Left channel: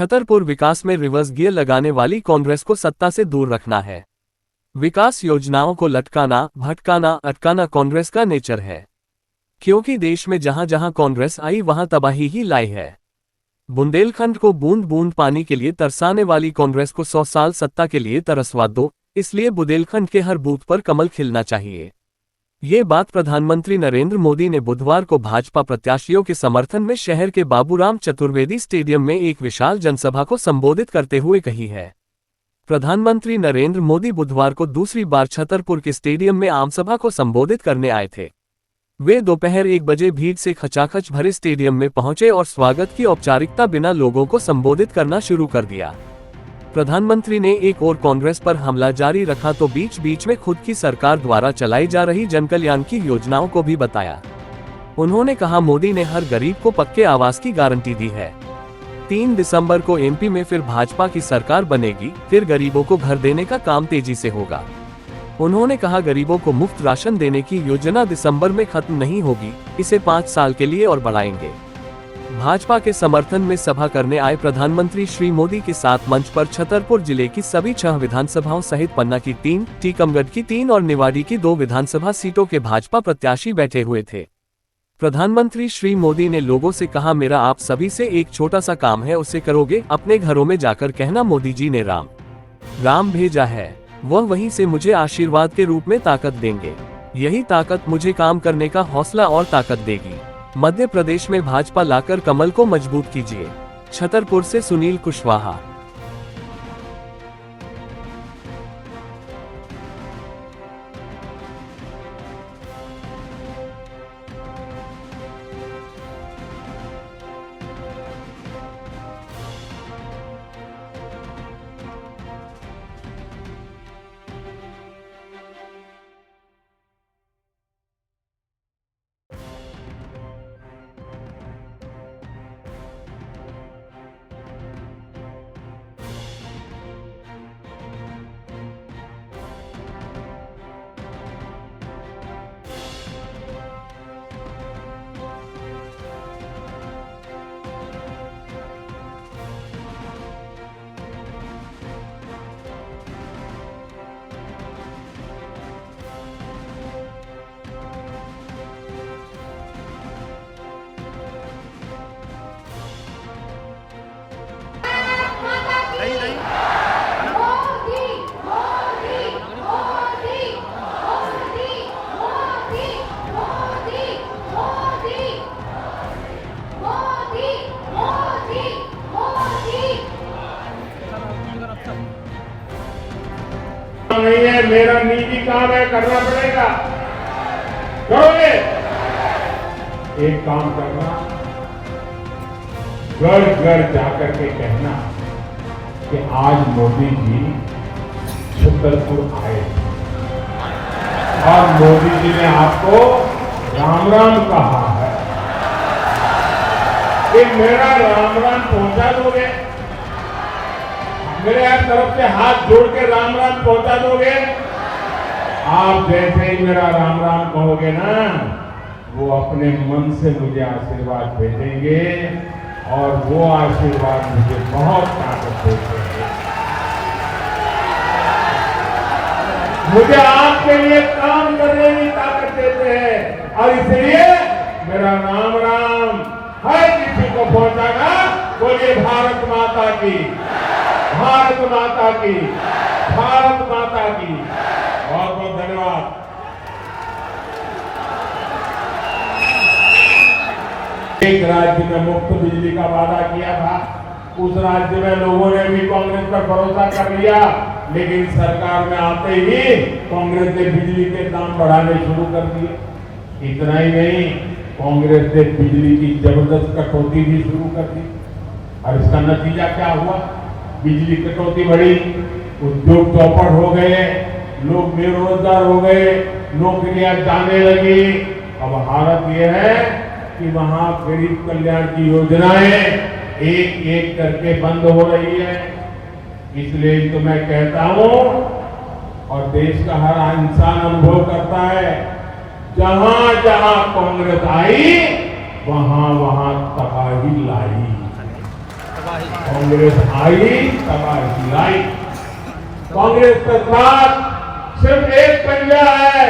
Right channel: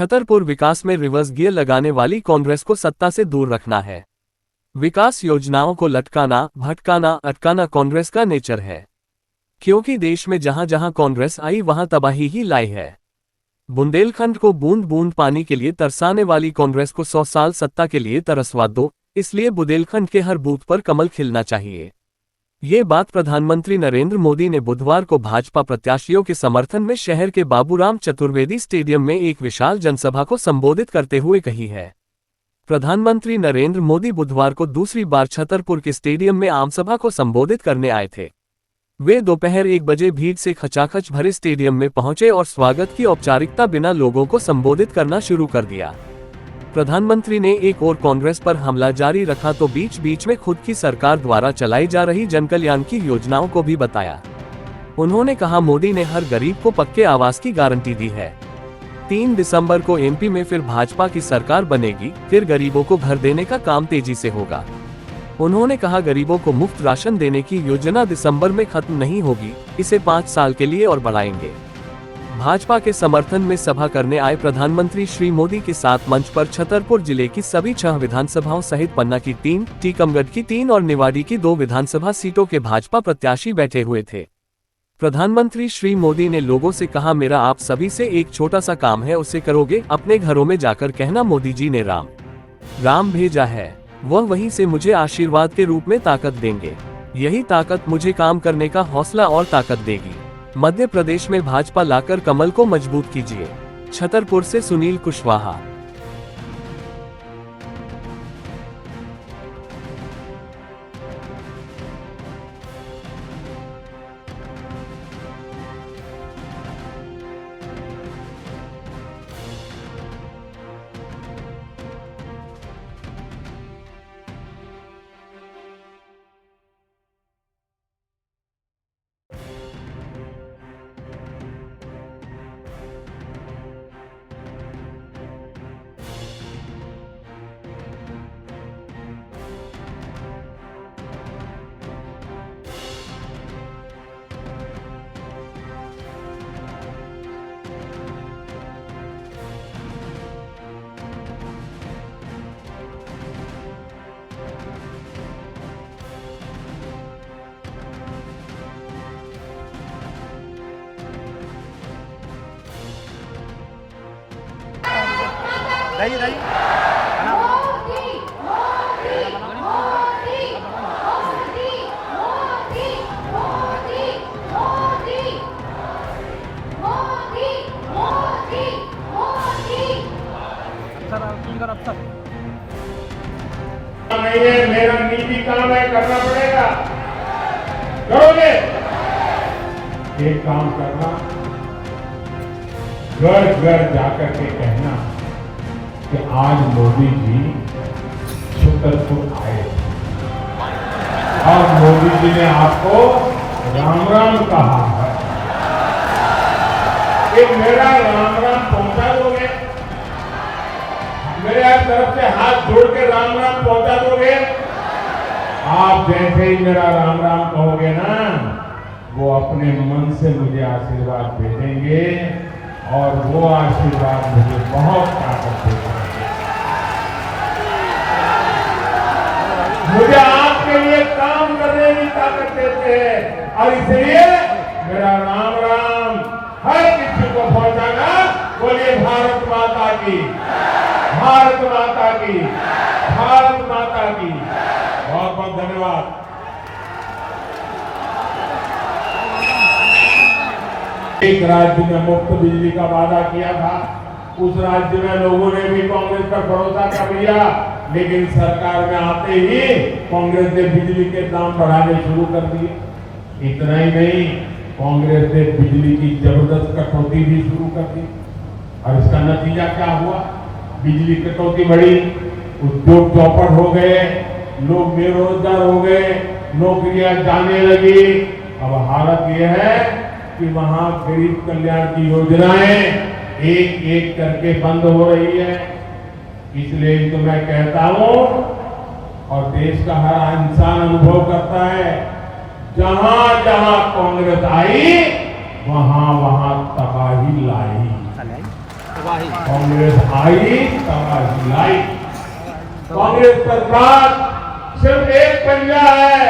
छतरपुर विकास में reverse gear लगाने वाली कांग्रेस को सत्ता से दूर रखना है। विकास योजनाओं को लटकाना, भटकाना, अटकाना कांग्रेस का नेचर है, क्योंकि देश में जहां जहां कांग्रेस आई वहां तबाही ही लाई है। बुंदेलखंड को बूंद बूंद पानी के लिए तरसाने वाली कांग्रेस को 100 साल सत्ता के लिए तरसवा दो, इसलिए बुंदेलखंड के हर बूथ पर कमल खिलना चाहिए। ये बात प्रधानमंत्री नरेंद्र मोदी ने बुधवार को भाजपा प्रत्याशियों के समर्थन में शहर के बाबूराम चतुर्वेदी स्टेडियम में एक विशाल जनसभा को संबोधित करते हुए कही है। प्रधानमंत्री नरेंद्र मोदी बुधवार को दूसरी बार छतरपुर के स्टेडियम में आमसभा को संबोधित करने आए थे। वे दोपहर 1 बजे भीड़ से खचाखच भरे स्टेडियम में पहुंचे और स्वागत की औपचारिकता बिना लोगों को संबोधित करना शुरू कर दिया। प्रधानमंत्री ने एक और कांग्रेस पर हमला जारी रखा तो बीच बीच में खुद की सरकार द्वारा चलाई जा रही जनकल्याण की योजनाओं को भी बताया। उन्होंने कहा, मोदी ने हर गरीब को पक्के आवास की गारंटी दी है। 3 दिसंबर को एमपी में फिर भाजपा की सरकार बनेगी, फिर गरीबों को घर देने का काम तेजी से होगा। उन्होंने कहा, गरीबों को मुफ्त राशन देने की योजना दिसंबर में खत्म नहीं होगी, इसे 5 साल के लिए और बढ़ाएंगे। भाजपा के समर्थन में सभा करने आए प्रधानमंत्री श्री मोदी के साथ मंच पर छतरपुर जिले की सभी 6 विधानसभाओं सहित पन्ना की 3, टीकमगढ़ की 3 और निवाड़ी की 2 विधानसभा सीटों के भाजपा प्रत्याशी बैठे हुए थे। प्रधानमंत्री श्री मोदी ने लोगों से कहा, मेरा आप सभी से एक छोटा सा काम है, उसे करोगे? अपने घरों में जाकर कहना, मोदी जी ने राम भेजा है, वह वहीं से मुझे आशीर्वाद के रूप में ताकत देंगे। यही ताकत मुझे काम करने का हौसला और ताकत देगी। मध्य प्रदेश में भाजपा लाकर कमल को मजबूत कीजिए। छतरपुर से सुनील कुशवाहा। नहीं है, मेरा निजी काम है, करना पड़ेगा, करोगे? एक काम करना, घर घर जाकर के कहना कि आज मोदी जी छतरपुर आए और मोदी जी ने आपको राम राम कहा है। कि मेरा राम राम पहुंचा दोगे? मेरे तरफ से हाथ जोड़ के राम राम पहुंचा दोगे? आप जैसे ही मेरा राम राम कहोगे ना, वो अपने मन से मुझे आशीर्वाद भेजेंगे और वो आशीर्वाद मुझे बहुत ताकत देते हैं। मुझे आपके लिए काम करने की ताकत देते हैं और इसलिए मेरा राम राम हर किसी को पहुंचाना। बोलिए भारत माता की, भारत माता की, भारत माता की। बहुत बहुत धन्यवाद। एक राज्य में मुफ्त बिजली का वादा किया था, उस राज्य में लोगों ने भी कांग्रेस पर भरोसा कर लिया, लेकिन सरकार में आते ही कांग्रेस ने बिजली के दाम बढ़ाने शुरू कर दिए। इतना ही नहीं, कांग्रेस ने बिजली की जबरदस्त कटौती भी शुरू कर दी और इसका नतीजा क्या हुआ? बिजली कटौती बढ़ी, उद्योग चौपट हो गए, लोग बेरोजगार हो गए, नौकरियां जाने लगी। अब हालत यह है कि वहां गरीब कल्याण की योजनाएं एक एक करके बंद हो रही है। इसलिए तो मैं कहता हूं और देश का हर इंसान अनुभव करता है, जहां जहां कांग्रेस आई वहां वहां तबाही लाई। कांग्रेस आई तबाही लाई। कांग्रेस के साथ सिर्फ एक पंजा है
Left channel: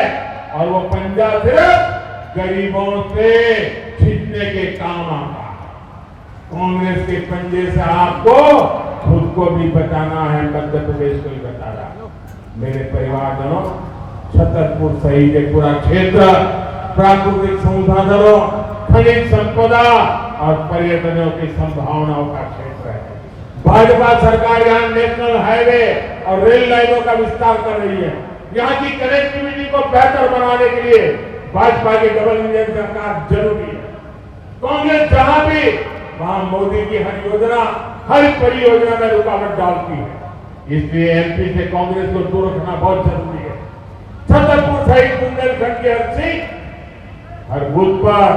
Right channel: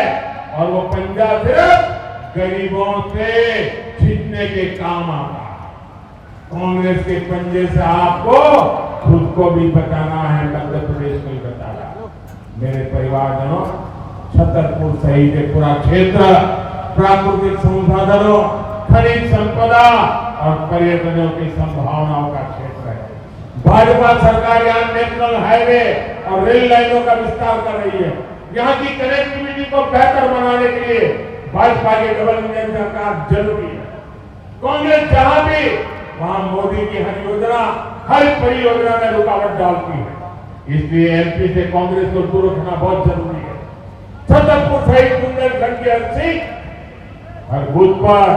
और वो पंजा सिर्फ गरीबों से छीनने के काम आता है। कांग्रेस के पंजे से आपको खुद को भी बचाना है, मध्य प्रदेश को भी बचाना है। मेरे परिवारजनों, छतरपुर सहित पूरा क्षेत्र प्राकृतिक संसाधनों, खनिज संपदा और पर्यटनों की संभावनाओं का क्षेत्र है। भाजपा सरकार यहाँ नेशनल हाईवे और रेल लाइनों का विस्तार कर रही है। यहाँ की कनेक्टिविटी को बेहतर बनाने के लिए भाजपा की डबल इंजन सरकार जरूरी है। कांग्रेस जहां भी वहां मोदी की हर योजना, हर परियोजना में रुकावट डालती है। इसलिए एमपी से कांग्रेस को दूर रखना बहुत जरूरी है। छतरपुर सहित बुंदेलखंड की हर सीट, हर बूथ पर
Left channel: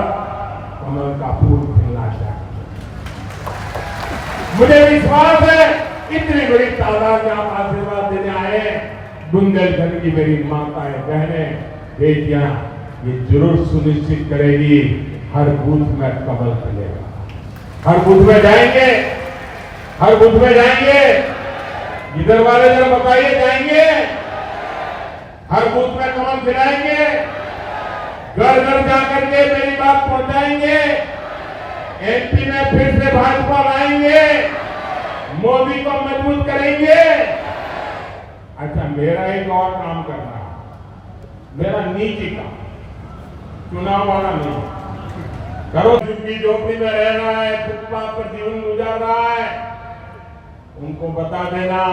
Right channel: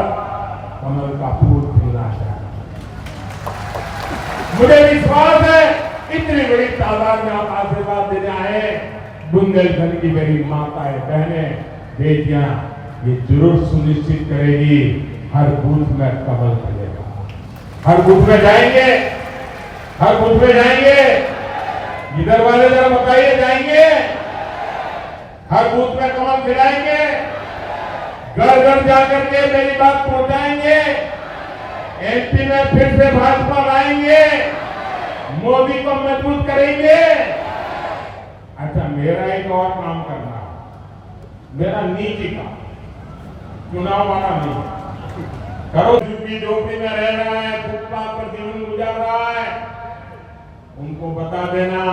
कमल का फूल खिलना चाहिए। मुझे विश्वास है इतनी बड़ी तादाद में आप आशीर्वाद देने आए। बुंदेलखंड की गरीब माताएं, बहनें, बेटियां ये जरूर सुनिश्चित करेगी हर बूथ में कमल खिलेगा। हर बूथ में जाएंगे, हर बूथ में जाएंगे। इधर वाले जरा बताइए, जाएंगे? हर बूथ में कमल खिलाएंगे, घर घर जाकर के मेरी बात पहुंचाएंगे। एमपी में फिर से भाजपा लाएंगे, मोदी को मजबूत करेंगे। अच्छा, मेरा एक और काम कर रहा है, मेरा नीति का, चुनाव वाला नहीं। करो झुग्गी झोपड़ी में रह रहा है, फुटपाथ पर जीवन गुजार रहा है, उनको बता देना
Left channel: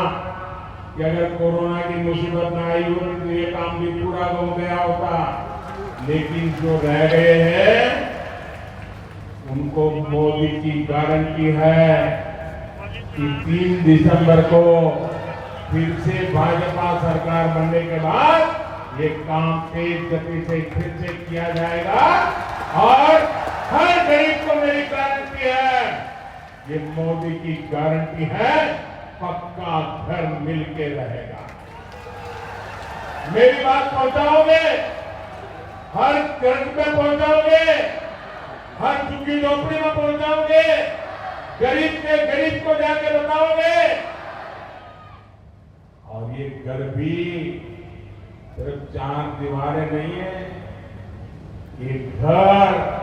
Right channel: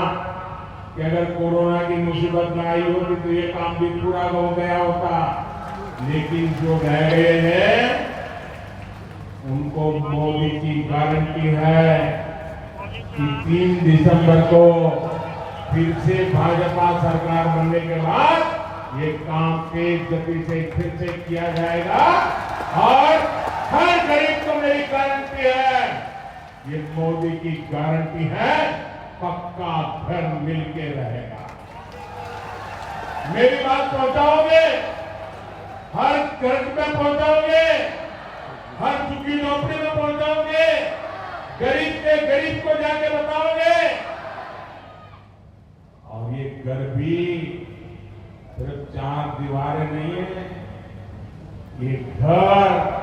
कि अगर कोरोना की मुसीबत न आई होती तो ये काम भी पूरा हो गया होता। लेकिन जो रह गए हैं उनको मोदी की गारंटी है कि 3 दिसंबर को फिर से भाजपा सरकार बनने के बाद ये काम तेज गति से फिर से किया जाएगा और हर गरीब को मेरी गारंटी है, ये मोदी की गारंटी है, पक्का घर मिलके रहेगा। मेरी बात पहुंचाओगे, हर घर में पहुंचाओगे, हर झुग्गी झोपड़ी में पहुंचाओगे, गरीब के गरीब को जाके बताओगे। और ये घर भी सिर्फ 4 दीवारें नहीं है, ये घर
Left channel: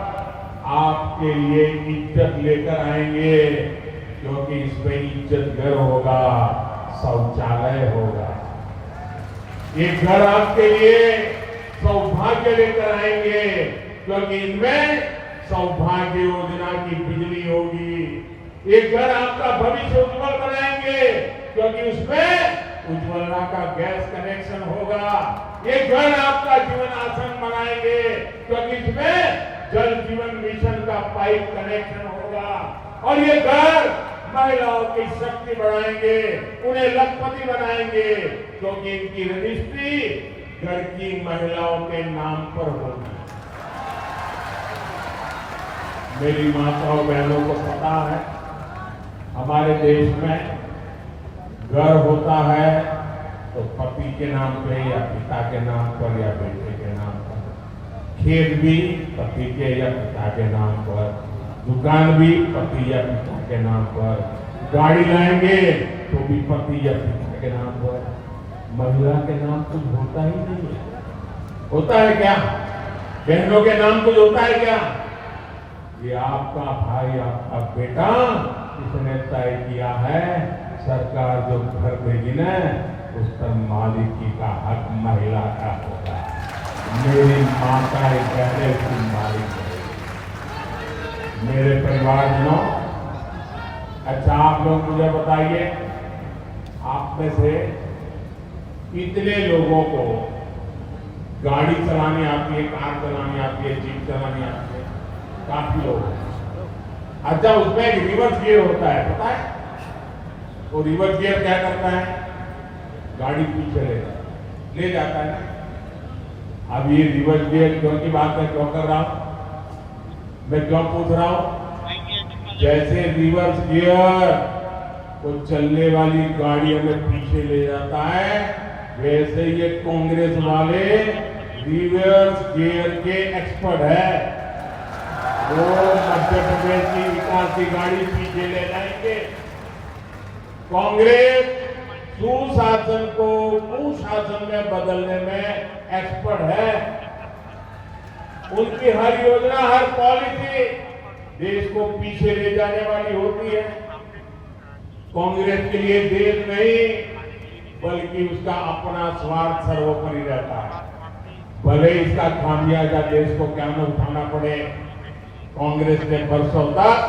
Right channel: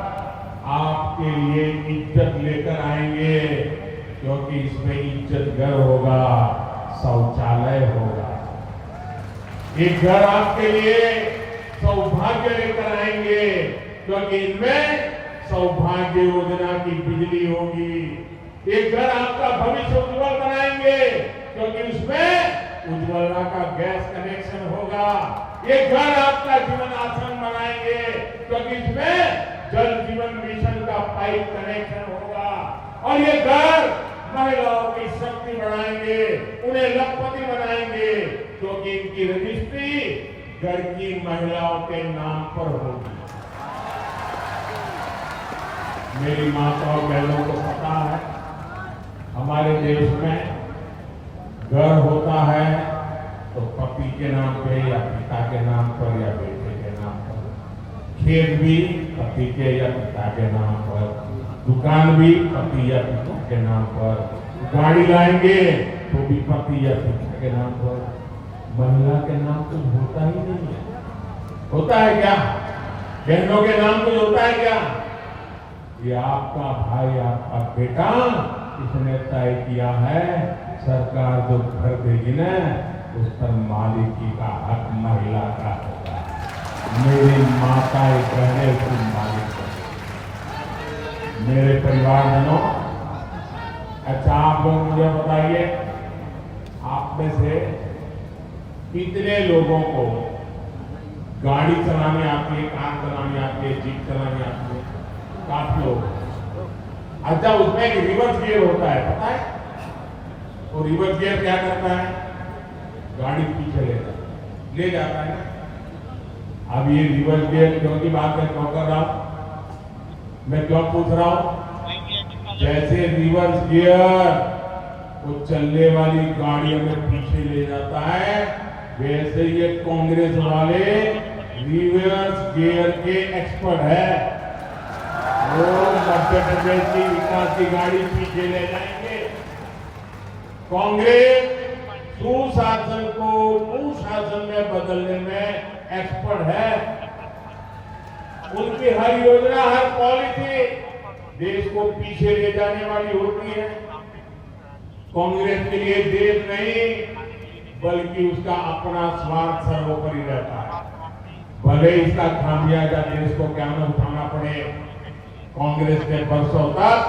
आपके लिए इज्जत लेकर आएंगे, क्योंकि इसमें इज्जत घर होगा, शौचालय होगा। ये घर आपके लिए सौभाग्य लेकर आएंगे, क्योंकि इनमें सौभाग्य योजना की बिजली होगी। ये घर आपका भविष्य उज्जवल बनाएंगे, क्योंकि उसमें उज्ज्वला का गैस कनेक्शन होगा। ये घर आपका जीवन आसान बनाएंगे, क्योंकि इसमें जल जीवन मिशन का पाइप कनेक्शन होगा। और ये घर महिलाओं की शक्ति बढ़ाएंगे, उन्हें लखपति बनाएंगे, क्योंकि इनकी रजिस्ट्री घर की महिलाओं के नाम पर होगी। मेरी माताओं बहनों को पता है, हमारे देश में घर होता है तो पति के नाम पे या पिता के नाम पर या बेटे के नाम पर, खेत भी पति के या पिता के नाम पर, दुकान भी पति या पिता के नाम पर, गाड़ी लाएंगे तो भी पति या पिता के नाम पर। महिला के नाम कुछ होता ही नहीं है। होता है क्या? बहनों के नाम कुछ होता है क्या? ये आपका भाई, आपका बेटा, इसने तय किया है सरकार जो घर देगी ना, उस पर मालिकी का हक महिला का होगा। मेरी माताएं बहनें उसकी मालिक है। मेरे परिवारजनों, अच्छा आप लोग मुझे बताइए, आप में से कितने लोगों को गाड़ी चलाने आती है, कार चलाने आती है, जीप चलाने आती है? काफी लोग। अच्छा, उसमें एक रिवर्स गियर होता है, पता है? वो रिवर्स गियर क्या करता है? गाड़ी पीछे ले जाता है। अब ये रिवर्स गियर क्यों की बात है, क्यों कर रहा हूं मैं, क्यों पूछ रहा हूं? जैसे रिवर्स गियर को चलने वाली गाड़ियों में पीछे ले जाता है, वैसे ये कांग्रेस वाले रिवर्स गियर के एक्सपर्ट है। वो मध्य प्रदेश की विकास की गाड़ी पीछे ले जाएंगे। कांग्रेस सुशासन को कुशासन में बदलने में एक्सपर्ट है। उनकी हर योजना, हर पॉलिसी देश को पीछे ले जाने वाली होती है। कांग्रेस के लिए देश नहीं बल्कि उसका अपना स्वार्थ सर्वोपरि रहता है। भले इसका खामियाजा देश को क्या न उठाना पड़े। कांग्रेस ने बरसों तक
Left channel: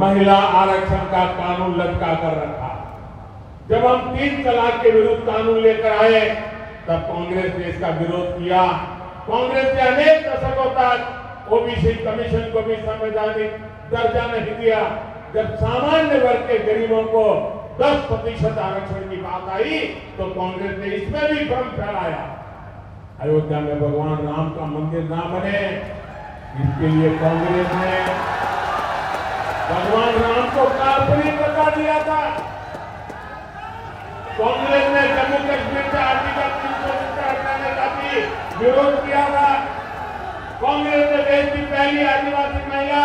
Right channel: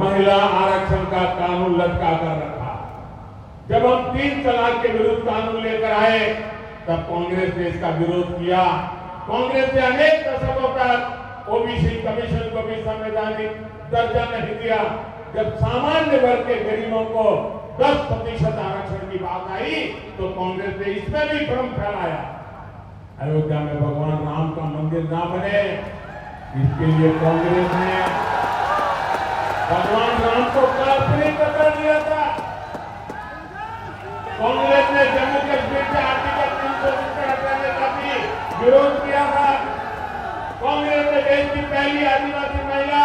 महिला आरक्षण का कानून लटका कर रखा। जब हम 3 तलाक के विरुद्ध कानून लेकर आए तब कांग्रेस ने इसका विरोध किया। कांग्रेस ने अनेक दशकों तक ओबीसी कमीशन को भी संवैधानिक दर्जा नहीं दिया। जब सामान्य वर्ग के गरीबों को 10% आरक्षण की बात आई तो कांग्रेस ने इसमें भी भ्रम फैलाया। अयोध्या में भगवान राम का मंदिर ना बने, इसके लिए कांग्रेस ने भगवान राम को काल्पनिक कर दिया था। कांग्रेस ने जम्मू कश्मीर से आर्टिकल 370 हटाने का भी विरोध किया था। कांग्रेस ने देश की पहली आदिवासी महिला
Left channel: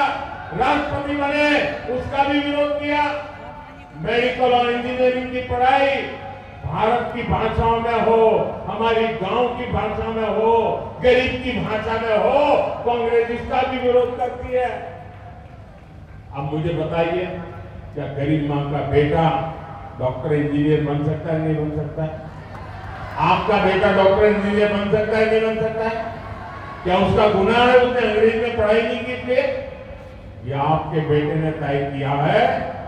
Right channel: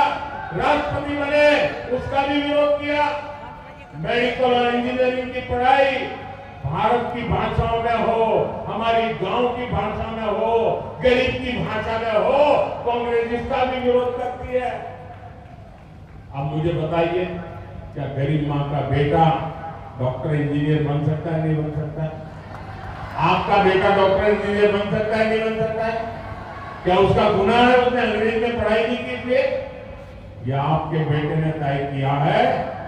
राष्ट्रपति बने, उसका भी विरोध किया। मेडिकल और इंजीनियरिंग की पढ़ाई भारत की भाषाओं में हो, हमारी गांव की भाषा में हो, गरीब की भाषा में हो, कांग्रेस इसका भी विरोध करती है। अब मुझे बताइए, क्या गरीब मां का बेटा डॉक्टर इंजीनियर बन सकता है, नहीं बन सकता है? आपका बेटा डॉक्टर इंजीनियर बन सकता है, नहीं बन सकता है? क्या उसका गुनाह है उसने अंग्रेजी में पढ़ाई नहीं की थी? या आपके बेटे ने तय किया है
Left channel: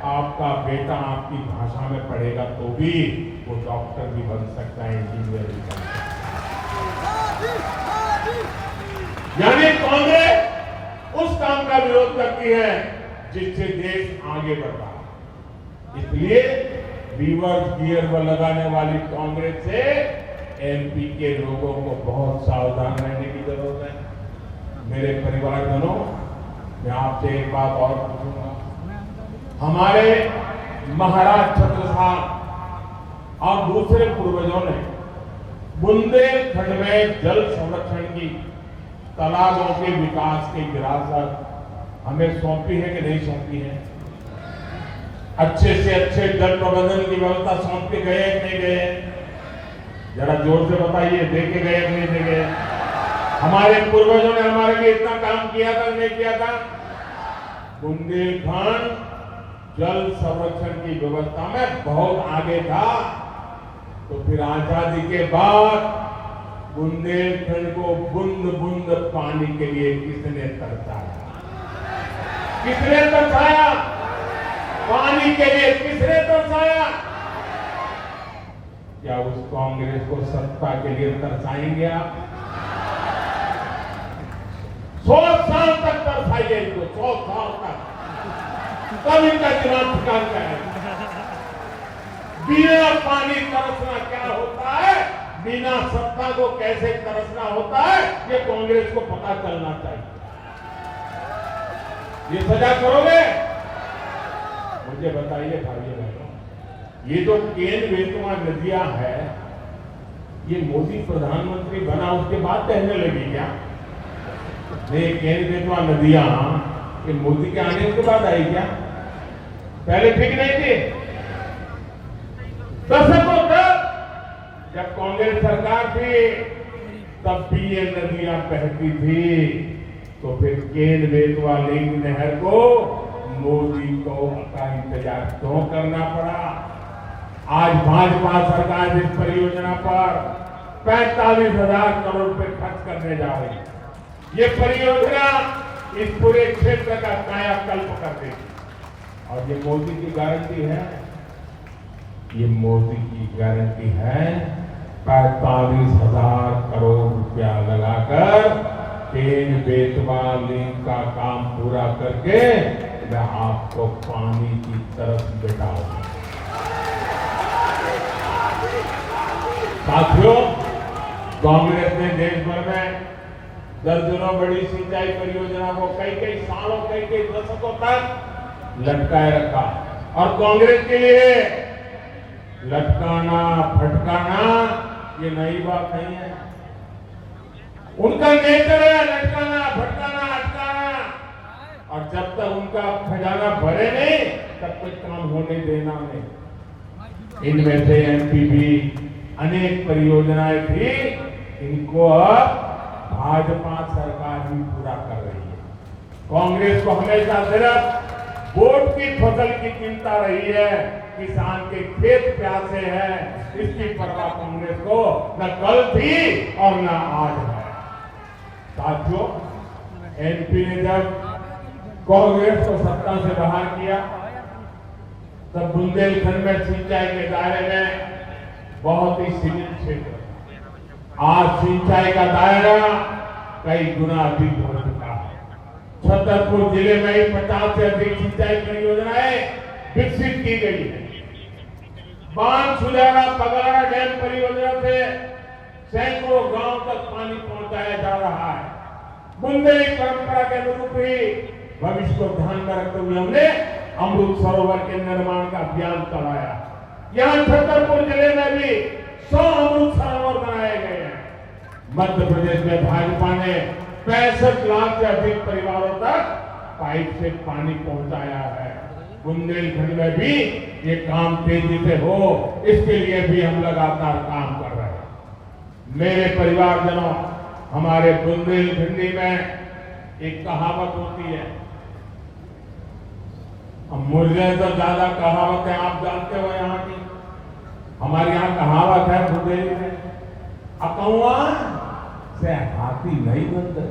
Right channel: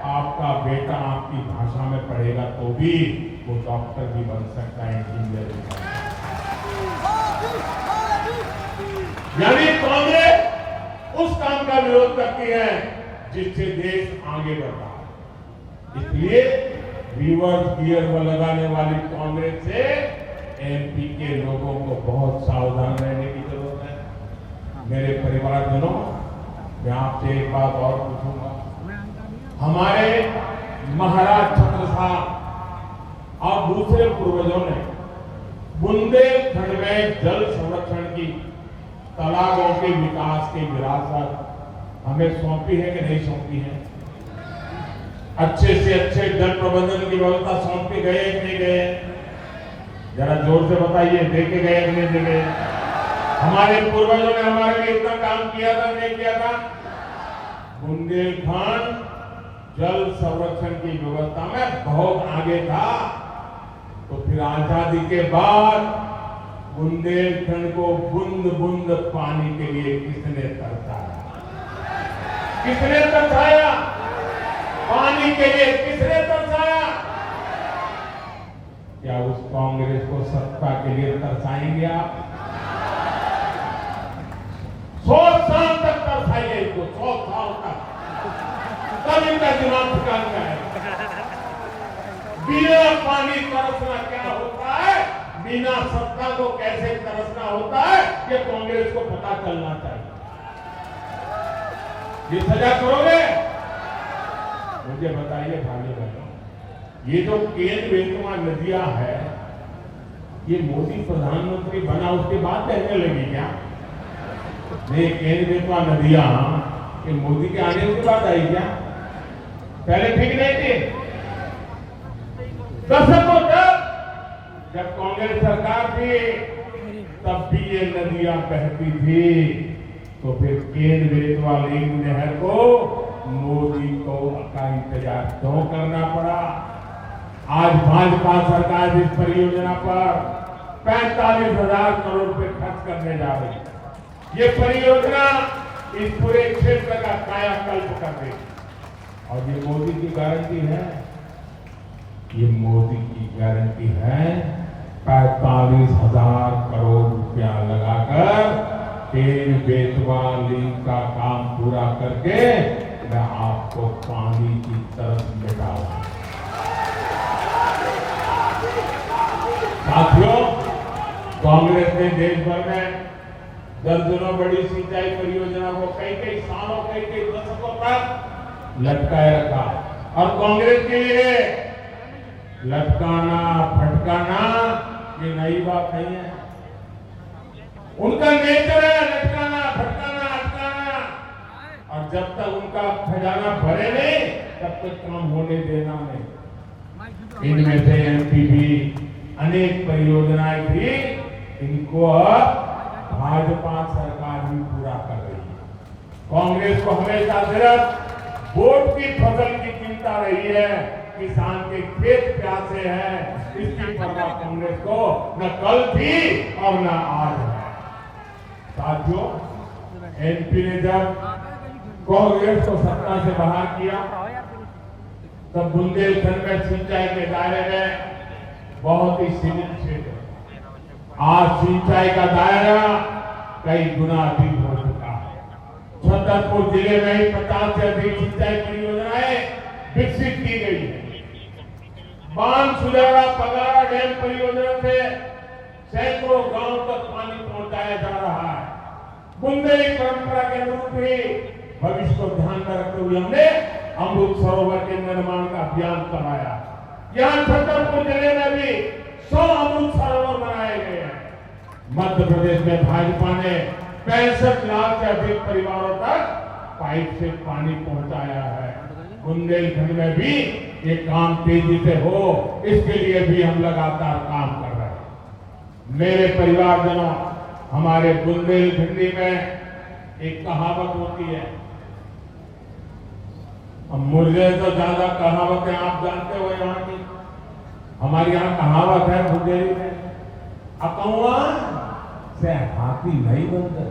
आपका बेटा आपकी भाषा में पढ़ेगा तो भी वो डॉक्टर भी बन सकता है, इंजीनियर भी बन सकता है। यानी कांग्रेस उस काम का विरोध करती है जिससे देश आगे बढ़ता है। इसलिए रिवर्स गियर में लगाने वाली कांग्रेस से एमपी के लोगों को बहुत सावधान रहने की जरूरत है। मेरे परिवारजनों, मैं आपसे एक बात और पूछूंगा। हमारे महाराज छत्रसाल और दूसरे पूर्वजों ने बुंदेलखंड में जल संरक्षण की, तालाबों के विकास की विरासत हमें सौंपी है कि नहीं सौंपी है? अच्छे से अच्छे जल प्रबंधन की व्यवस्था सौंपी गए कि नहीं गए? जरा जोर से बताइए, देखे गए कि नहीं देखे? हमारे पूर्वजों ने हमारे लिए इतना काम किया था, नहीं किया था? बुंदेलखंड जल संरक्षण की व्यवस्था में बहुत आगे था। तो फिर आजादी के बाद बुंदेलखंड को बूंद बूंद पानी के लिए किसने तरसाया? किसने तरसाया? पानी के लिए किसने तरसाया? क्या उस कांग्रेस को सत्ता के लिए तरसाएंगे आप? 100 साल तक तरसाइए इसको, 100 साल तक, तब इनका दिमाग ठिकान में आएगा। बिना पानी तरसना क्या होता है, बिना सत्ता को कैसे तरसना होता है, ये कांग्रेस को पता चलना चाहिए। ये सजा करोगे? मुझे बताइए भाइयों बहनों, ये जो केन बेतवा नदियां है, ये मोदी प्रधानमंत्री बना उसके बाद बहने लगी क्या? ये केन बेतवा नदियां मोदी के आने के बाद आई क्या? पहले ठीक नहीं थी? दशकों तक जब कांग्रेस सरकार थी तब भी ये नदियां बहती थी। तो फिर केन बेतवा लिंक नहर को मोदी को का इंतजार क्यों करना पड़ा? आज भाजपा सरकार इस परियोजना पर 45,000 करोड़ रुपए खर्च करने जा रही है। ये परियोजना इस पूरे क्षेत्र का कायाकल्प कर देगी। और ये मोदी की गारंटी है, ये मोदी की गारंटी है। 45,000 करोड़ रुपया लगाकर केन बेतवा लिंक का काम पूरा करके मैं आपको पानी की तरफ बिठाऊंगा। साथियों, कांग्रेस ने देश भर में दर्जनों बड़ी सिंचाई परियोजना को कई सालों, कई दशकों तक लटकाए रखा। और कांग्रेस के लिए लटकाना फटकाना ये नई बात नहीं है। उनका नेचर है लटकाना फटकाना अटकाना। तक काम होने देना नहीं। इनमें से एमपीबी अनेक परियोजनाएं थी, इनको अब भाजपा सरकार भी पूरा कर रही है। कांग्रेस को हमेशा सिर्फ वोट की फसल की चिंता रही है, किसान के खेत प्यासे हैं, इसकी परवाह कांग्रेस को न कल थी और न आज है। साथियों, एमपी ने जब कांग्रेस को सत्ता से बाहर किया तब बुंदेलखंड में सिंचाई के दायरे में बहुत ही सीमित क्षेत्र, आज सिंचाई का दायरा कई गुना अधिक हो चुका है। छतरपुर जिले में ही 50 से अधिक सिंचाई परियोजनाएं विकसित की गई है। बांध सुजारा पगारा डैम परियोजना से सैकड़ों गांव तक पानी पहुंचाया जा रहा है। बुंदेली परंपरा के अनुरूप ही भविष्य को ध्यान में रखते हुए हमने अमृत सरोवर के निर्माण का अभियान करवाया। यहाँ छतरपुर जिले में भी 100 अमृत सरोवर बनाए गए हैं। मध्य प्रदेश में भाजपा ने 65 लाख से अधिक परिवारों तक पाइप से पानी पहुंचाया है। बुंदेलखंड में भी ये काम तेजी से हो, इसके लिए भी हम लगातार काम कर रहे हैं। मेरे परिवारजनों, हमारे बुंदेलखंडी में एक कहावत होती है, मुझे तो ज्यादा कहावत है आप जानते हो यहाँ की। हमारे यहाँ कहावत है बुंदेली में, अकौआ से हाथी नहीं बनते,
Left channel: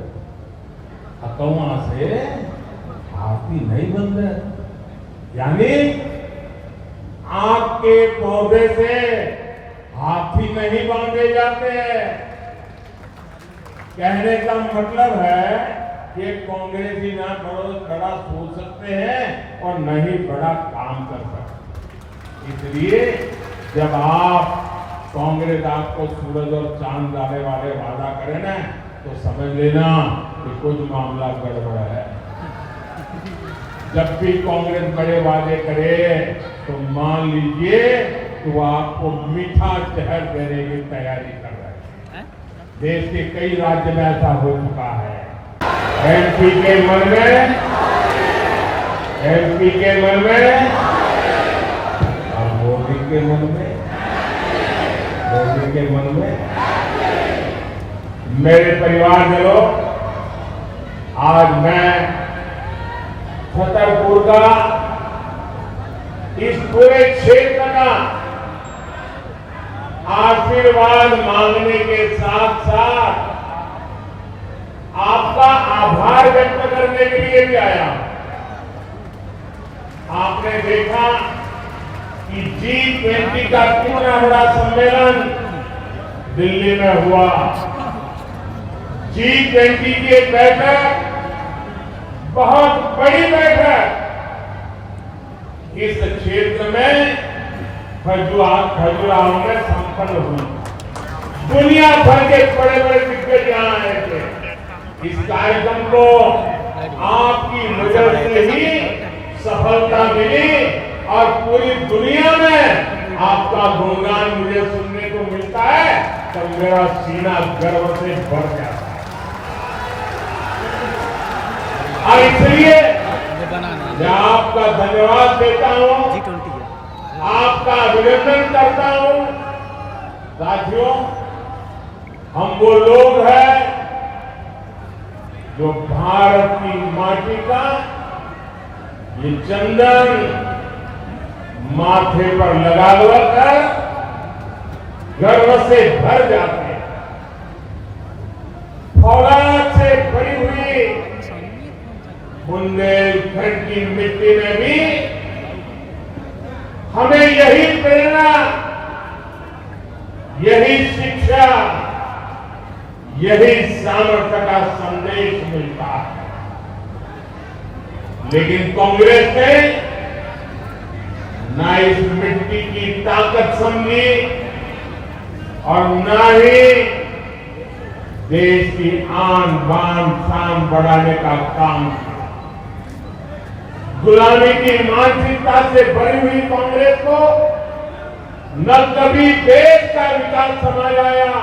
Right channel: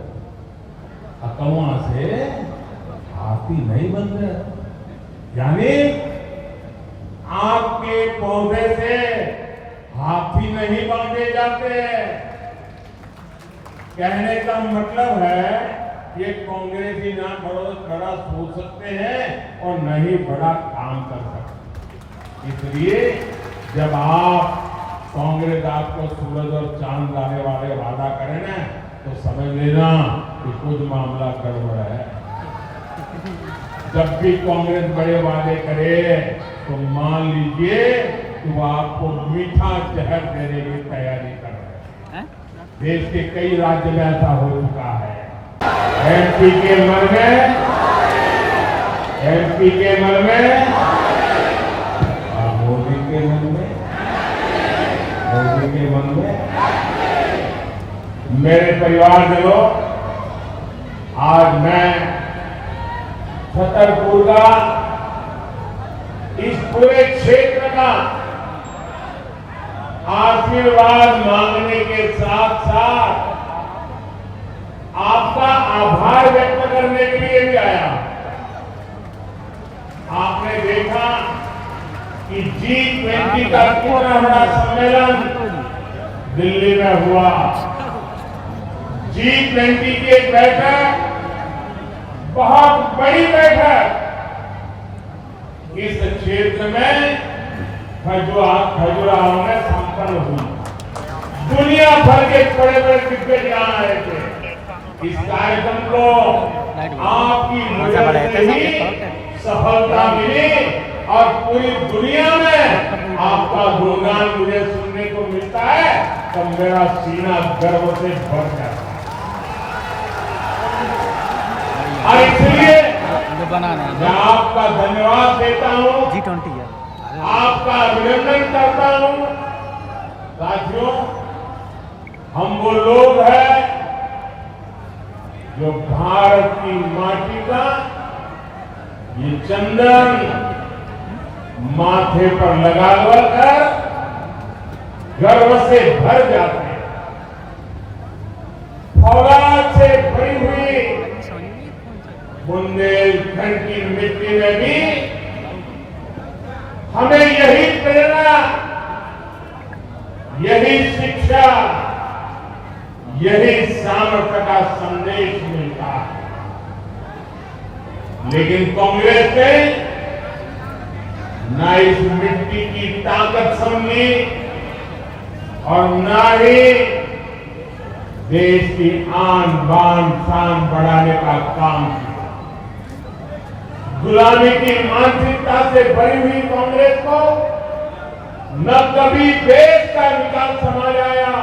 अकौआ से हाथी नहीं बनते, यानी आपके पौधे से हाथी नहीं बांधे जाते। कहने का मतलब है कि कांग्रेसी ना बड़ा सोच सकते हैं और न ही बड़ा काम कर सकते। इसलिए जब आप कांग्रेस आपको सूरज और चांद डाले वाले वादा करे ना, तो समझ लेना कि कुछ मामला गड़बड़ है। जब भी कांग्रेस बड़े वादे करे तो मान लीजिए कि वो आपको मीठा जहर देने की तैयारी कर रहे हैं। देश के कई राज्य में ऐसा हो चुका है। एमपी के मन में और मोदी के मन में मेरे परिवारजनों, आज मैं छतरपुर का इस पूरे क्षेत्र का आशीर्वाद मांगने के साथ साथ आपका आभार व्यक्त करने के लिए भी आया। आपने देखा कि G20 का कितना बड़ा सम्मेलन दिल्ली में हुआ। G20 की एक बैठक, बहुत बड़ी बैठक, इस क्षेत्र में खजुराहो में संपन्न हुई। दुनिया भर के बड़े बड़े दिग्गज यहां आए थे। इस कार्यक्रम को आपकी वजह से ही सफलता मिली और पूरी दुनिया में आपका गुणगान मुझे सुनने को मिलता है तो मेरा सीना गर्व से भर जाता है। और इसलिए मैं आपका धन्यवाद देता हूं, आपका अभिनंदन करता हूं। साथियों, हम वो लोग हैं जो भारत की माटी का ये चंदन माथे पर लगा कर गर्व से भर जाते हैं। फौलाद से भरी हुई बुंदेलखंड की मिट्टी में भी हमें यही प्रेरणा, यही शिक्षा, यही सामर्थ्य का संदेश मिलता है। लेकिन कांग्रेस ने न इस मिट्टी की ताकत समझी और न ही देश की आन बान शान बढ़ाने का काम किया। गुलामी की मानसिकता से भरी हुई कांग्रेस को न कभी देश का विकास समझ आया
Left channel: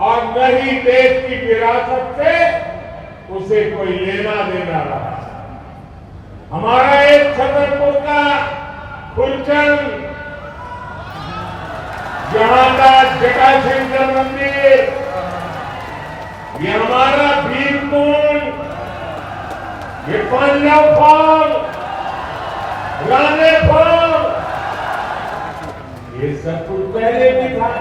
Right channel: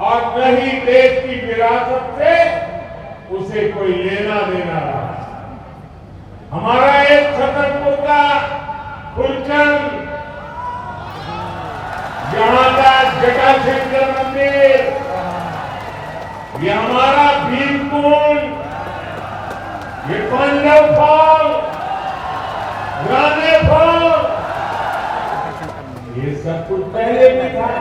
और न ही देश की विरासत से उसे कोई लेना देना रहा। हमारा एक छतरपुर का फुलचंद, यहाँ का जटाशंकर मंदिर, ये हमारा भीमकुंड, ये पंजाब फॉल, राने फॉल, ये सब कुछ पहले भी था।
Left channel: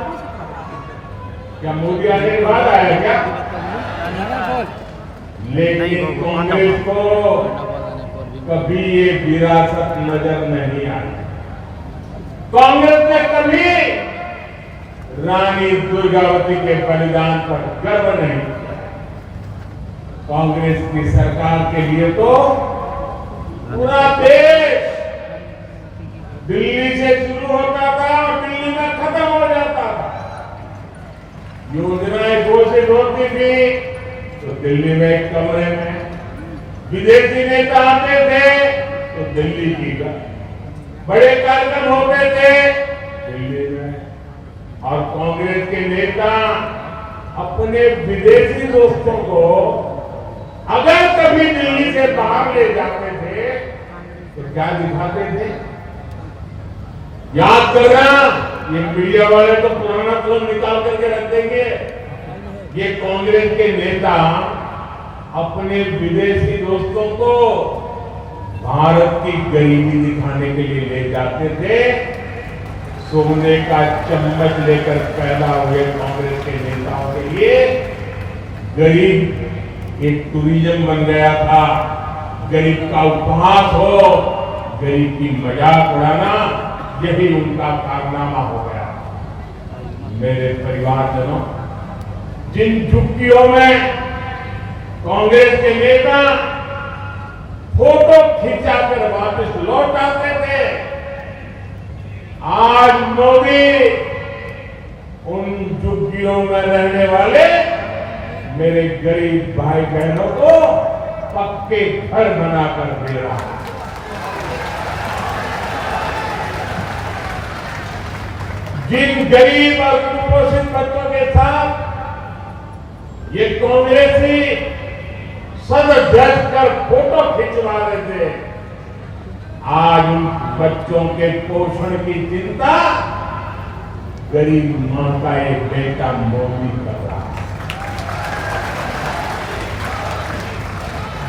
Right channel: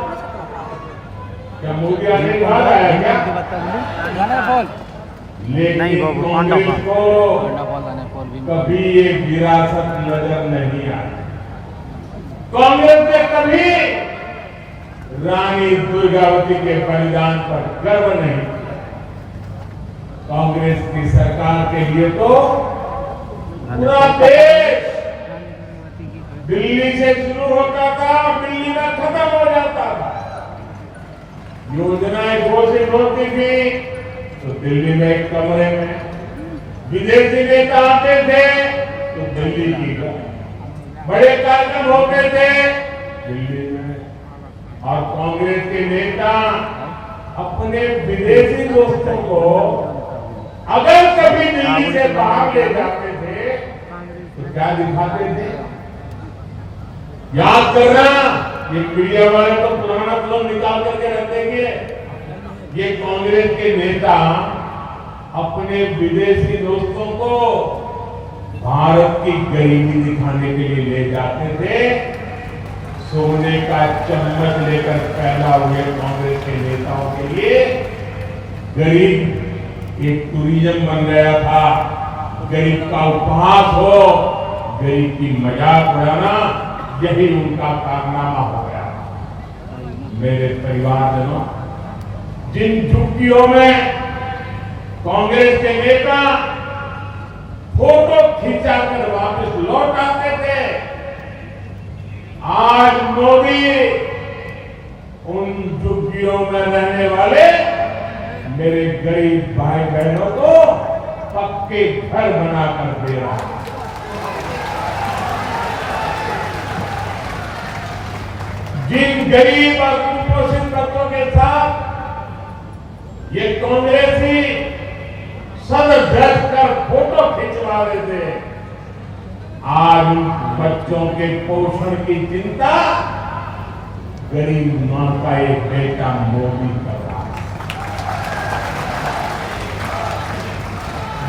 क्या मोदी आने के बाद आया क्या? लेकिन कांग्रेस को कभी ये विरासत नजर नहीं आई। कांग्रेस ने कभी रानी दुर्गावती के बलिदान पर गर्व नहीं किया। कांग्रेस की सरकार के लिए तो पूरा देश दिल्ली से शुरू होता था और दिल्ली में खत्म हो जाता था। योजनाएं घोषित होती थी तो दिल्ली में एक कमरे में, विदेशी नेता आते थे तो दिल्ली की बड़े कार्यक्रम होते थे दिल्ली में, और कांग्रेस के नेता अपने विदेशी दोस्तों को अगर कभी दिल्ली से बाहर ले जाते थे तो क्या दिखाते थे? याद करना, ये मीडिया वाले तो पुराना फिल्म निकाल करके रख देंगे। ये कांग्रेस के नेता अपने विदेशी दोस्तों को भारत की गरीबी दिखाने के लिए ले जाते थे। सोने का चम्मच लेकर पैदा हुए कांग्रेस के नेताओं के लिए गरीब एक टूरिज्म बन गया था। गरीब का उपहास हो, गरीब की मजाक उड़ाना, यही उनका कारनामा हो गया। मेरे परिवारजनों, जिन झुग्गियों में कांग्रेस के नेता फोटो खिंचाकर वापस लौट आते थे, आज मोदी उन झुग्गियों में रहने वाले मेरे गरीब भाई बहनों को पक्के घर बनाकर दे रहा है। जिन गरीब और कुपोषित बच्चों के साथ ये कांग्रेसी सद व्यस्त कर फोटो खिंचवा रहे थे, आज उन बच्चों के पोषण की चिंता गरीब मां का एक बेटा मोदी कर रहा है।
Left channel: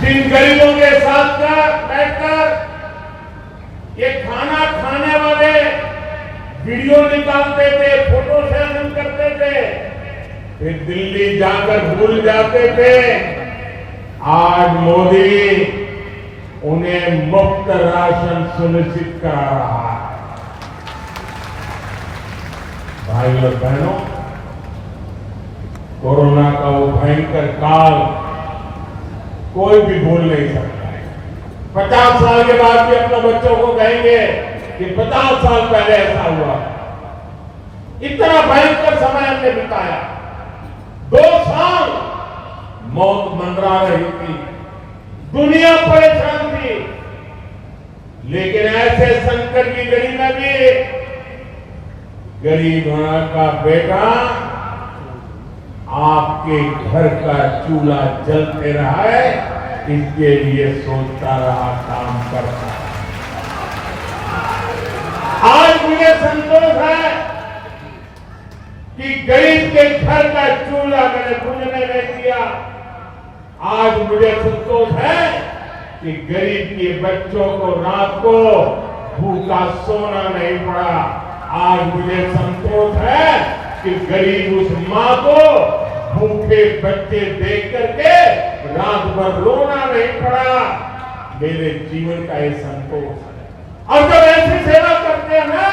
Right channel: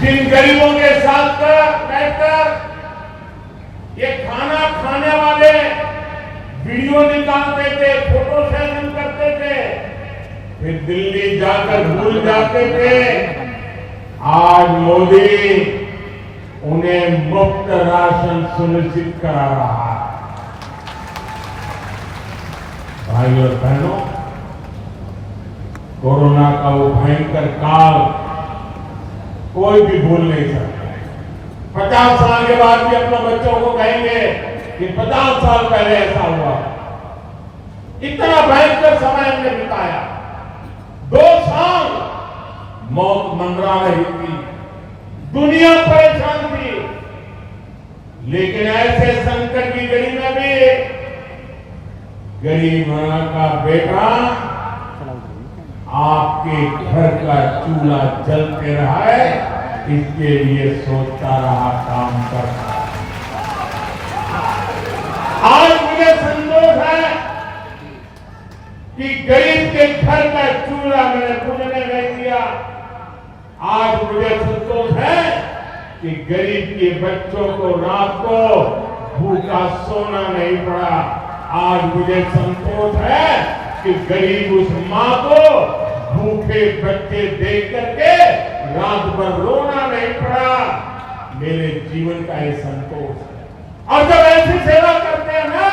जिन गरीबों के साथ बैठकर ये खाना खाने वाले वीडियो निकालते थे, फोटो सेशन करते थे, फिर दिल्ली जाकर भूल जाते थे, आज मोदी उन्हें मुफ्त राशन सुनिश्चित करा रहा है। भाई और बहनों, कोरोना का वो भयंकर काल कोई भी भूल नहीं सकता। 50 साल के बाद भी अपने बच्चों को कहेंगे कि 50 साल पहले ऐसा हुआ। इतना भयंकर समय हमने बिताया। 2 साल मौत मंडरा रही थी, दुनिया परेशान थी, लेकिन ऐसे संकट की घड़ी में भी गरीब मां का बेटा आपके घर का चूल्हा जलते रहा है, इसके लिए सोचता रहा, काम करता। आज मुझे संतोष है कि गरीब के घर का चूल्हा मैंने बुझने नहीं दिया। आज मुझे संतोष है कि गरीब के बच्चों को रात को भूखा सोना नहीं पड़ा। आज मुझे संतोष है कि गरीब उस मां को भूखे बच्चे देख करके रात भर रोना नहीं पड़ा। मेरे जीवन का ये संतोष है। और जब ऐसी सेवा करते हैं ना,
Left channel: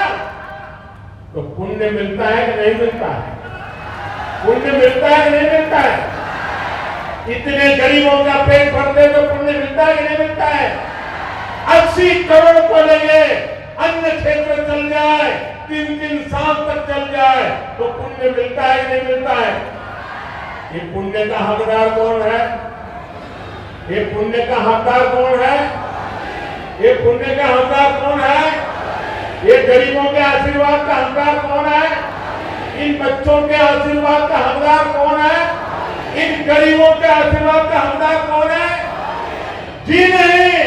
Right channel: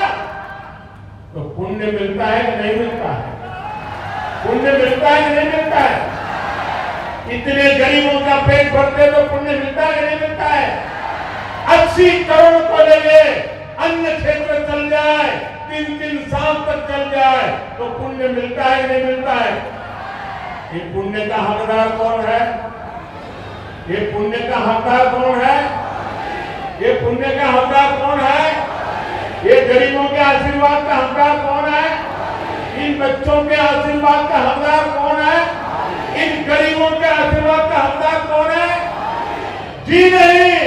तो पुण्य मिलता है कि नहीं मिलता है? पुण्य मिलता है कि नहीं मिलता है? इतने गरीबों का पेट भरते तो पुण्य मिलता है कि नहीं मिलता है? 80 करोड़ को लेके अन्य क्षेत्र चल जाए, 3-3 साल तक चल जाए, तो पुण्य मिलता है कि नहीं मिलता है? ये पुण्य का हकदार कौन है? ये पुण्य का हकदार कौन है? ये पुण्य का हकदार कौन है? ये गरीबों के आशीर्वाद का हकदार कौन है? इन बच्चों के आशीर्वाद का हकदार कौन है? इन गरीबों के आशीर्वाद का हकदार कौन है? जी नहीं,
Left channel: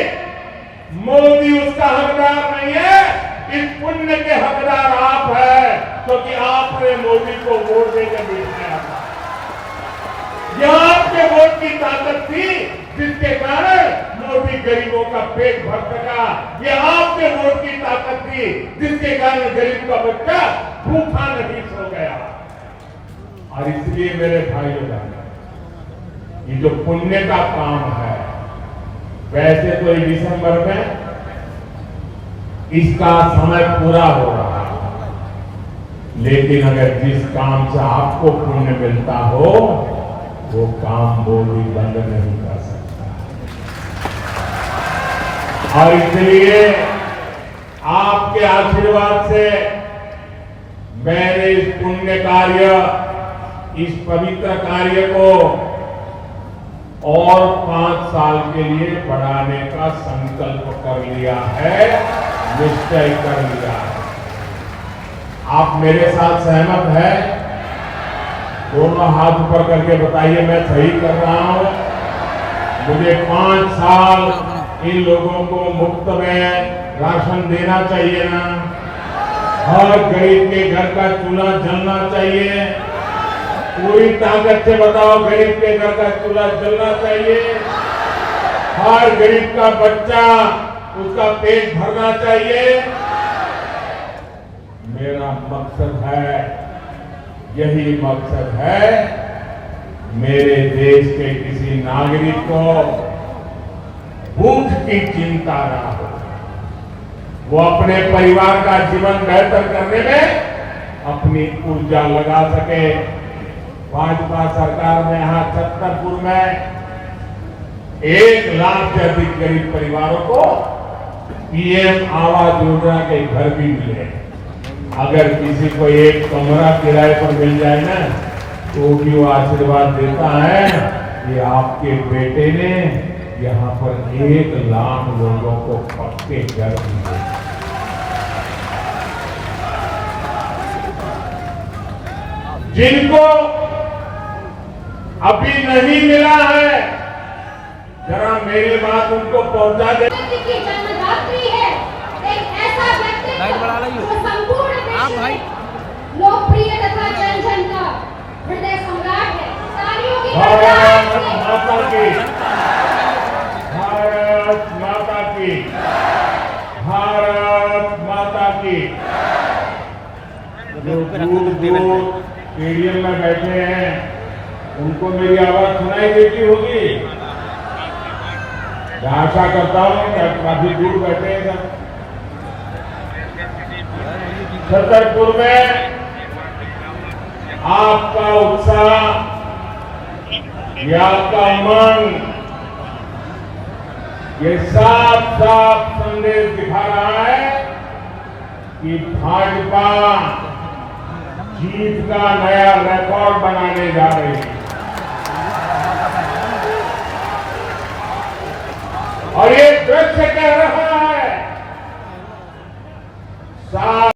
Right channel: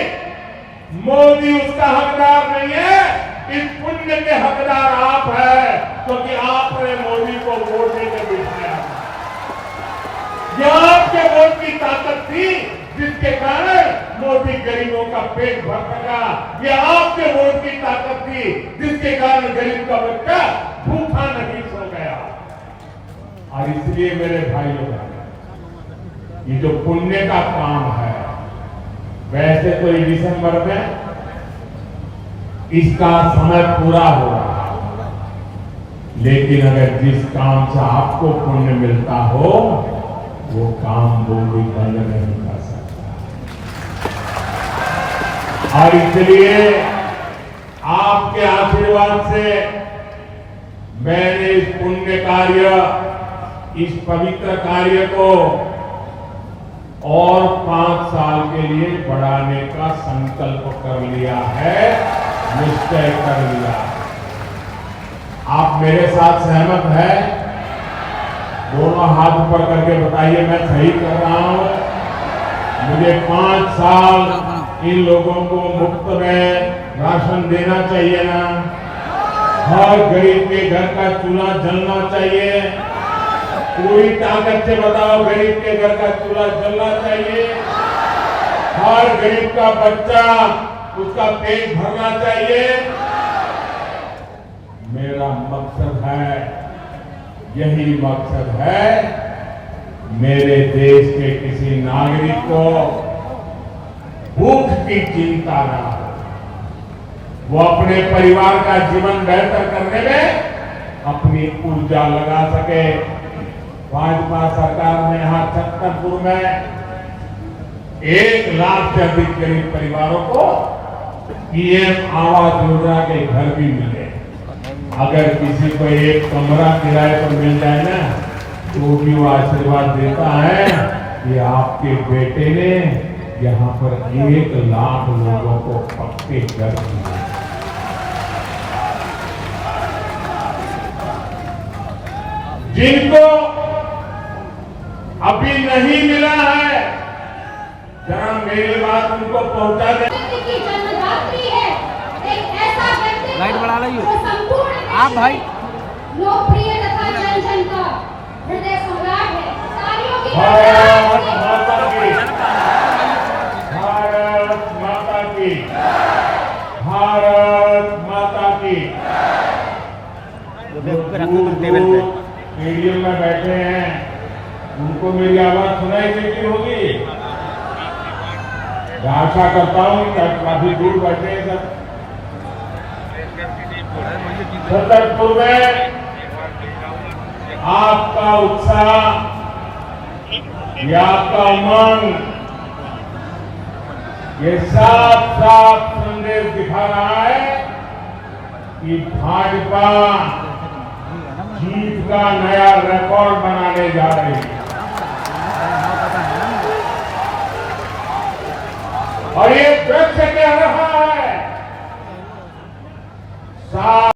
यह आपके वोट की ताकत थी जिसके कारण मोदी गरीबों का पेट भर सका। यह आपके वोट की ताकत थी जिसके कारण गरीब का बच्चा भूखा नहीं सो गया। और इसलिए मेरे भाइयों, ये जो पुण्य का काम है, वैसे तो ये दिसंबर में इसका समय पूरा हो रहा है, लेकिन अगर जिस काम से आपको पुण्य मिलता हो वो काम मोदी बंद नहीं कर सकता। और इसलिए आपके आशीर्वाद से मैंने इस पुण्य कार्य, इस पवित्र कार्य को और 5 साल के लिए बढ़ाने का संकल्प कर लिया है, निश्चय कर लिया है। आप मेरे साथ सहमत हैं? दोनों हाथ ऊपर करके बताइए मैं सही कर रहा हूं। मुझे 5 साल इन लोगों को मुफ्त में राशन देना चाहिए ना? हर गरीब के घर का चूल्हा जलना चाहिए। पूरी ताकत से बताओ, गरीब के घर का चूल्हा जलना चाहिए। हर गरीब का बच्चा, उसका पेट भरना चाहिए। मेरा मकसद है, यही मकसद है, मेरे देश के किसी नागरिक को भूख की चिंता न हो, वो अपने परिवार का जीवन बेहतर करने में अपनी ऊर्जा लगा सके। भाजपा सरकार ने यहां छतरपुर में 1 लाख से अधिक गरीब परिवारों को पीएम आवास योजना के घर भी मिले। अगर किसी को एक कमरा किराए पर मिल जाए ना, तो भी वो आशीर्वाद देता है कि आपके बेटे ने यहाँ पर 1 लाख लोगों को पक्के घर दिए। जिनको अभी नहीं मिला है, जरा मेरी बात उनको पहुंचा दे। जन्मदात्री है एक ऐसा व्यक्ति जो संपूर्ण आप भाई लोकप्रिय तथा जन जन का हृदय सम्राट है। तालियों की भारत माता की, भारत माता की, भारत माता की। जो दूर दूर स्टेडियम में बैठे हैं, उनको मेरी आवाज सुनाई देती होगी। मैं आशा करता हूं कि काफी दूर बैठे हैं सब। छतरपुर में आपका उत्साह, ये आपका उमंग, ये साफ साफ संदेश दिखा रहा है कि भाजपा जीत का नया रिकॉर्ड बनाने जा रही है। और ये वृक्ष कह रहा